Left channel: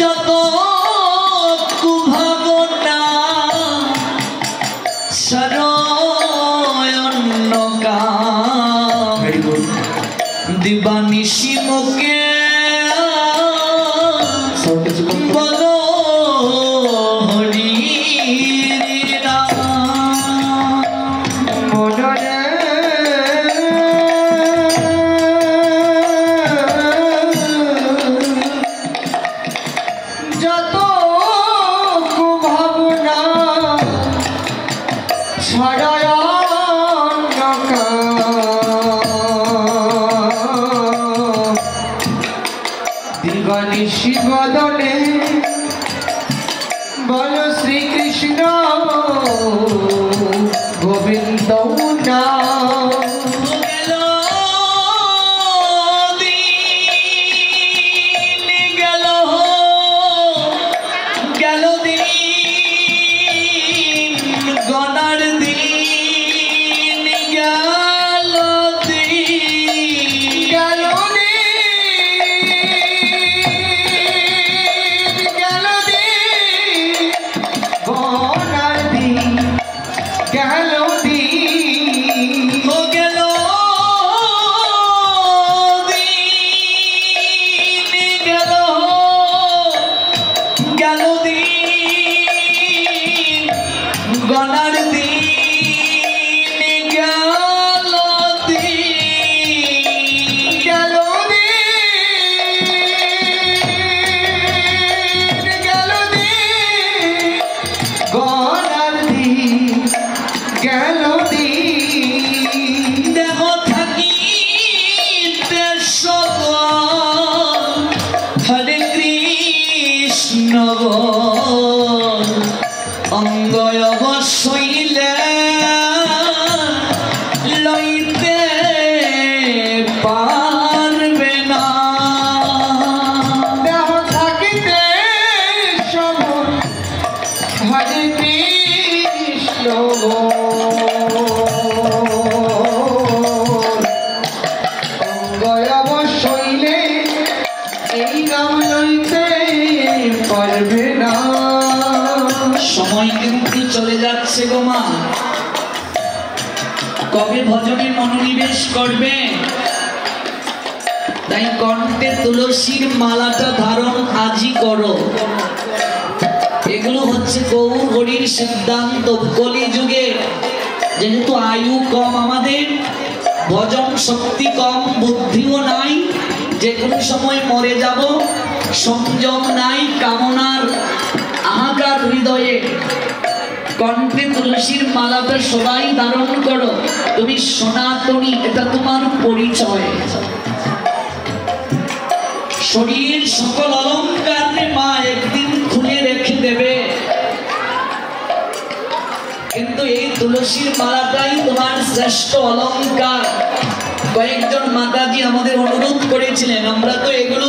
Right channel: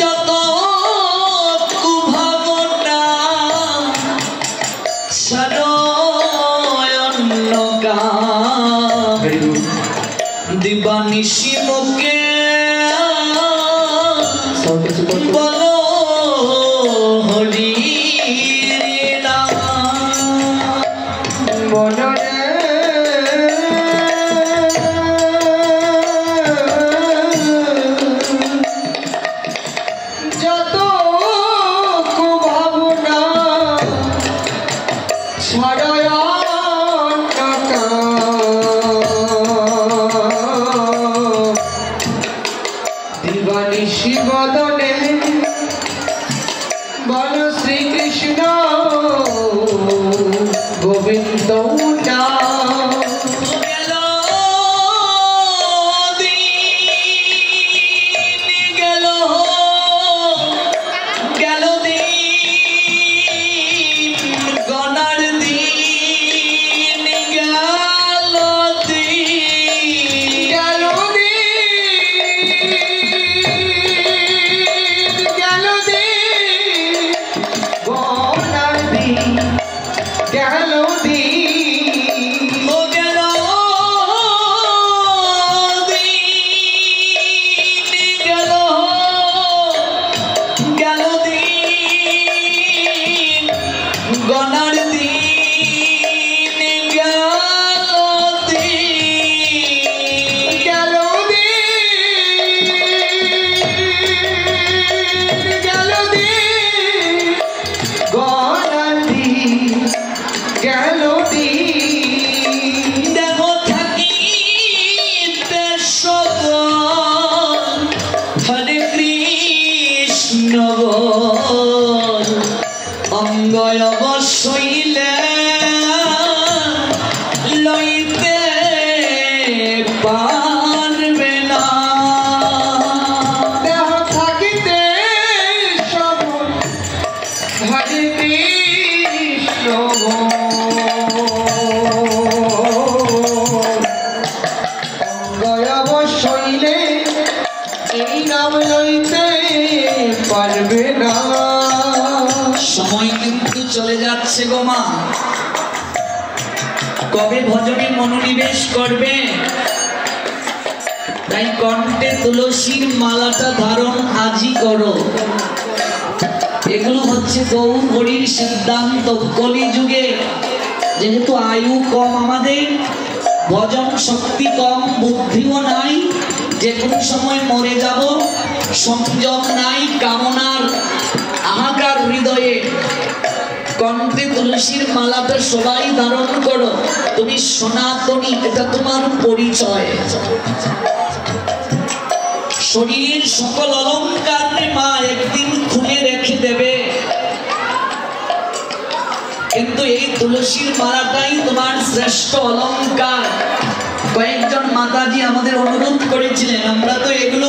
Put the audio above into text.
যত কুভাবনা সারয়ন্নকা দিবানিশি মুখে বলো হরি যত কুভাবনা ছাড়ায়ন্নকা দিবানিশি বদনে বল শ্রীকৃষ্ণ গোবিন্দ হরে কৃষ্ণ অঙ্গয় অবশ্যইলে লইতে পারবে না দেহ থাকিতে সব হরে কৃষ্ণ অঙ্গয় অবশ্যইলে এই নাম লইতে পারবে না। সময় কিন্তু চলে যাচ্ছে গো মা, কবে ভজনে মনোনিবেশ করবে? তাই কণ্ঠে তুলসীর মালাটা ধারণ আজই করো। এগুলো হচ্ছে গৌর হরির সিদ্ধান্ত। কলি যুগে যেহেতু আয়ু কম, আমাদের ভজন শক্তি কম, বুদ্ধিও নাই, যে কোনো সময় মরে যাব, সংযম নাই, কামনার আহাকার হৃদয়ে, কণ্ঠে তুলসীর মালাটা সবাই ধারণ করো। তুমি সনাতনী, এটা তোমার পরিচয়। শরীর সকল অলঙ্কার মা একদিন খুলে রেখে দেবে, কিন্তু এই তুলসীর মালাটাই তোমার শ্রেষ্ঠ অলঙ্কার। কয়েকজন মাতাজি আমাদের অনুরোধ করেছিলেন, আমরা তো এগুলো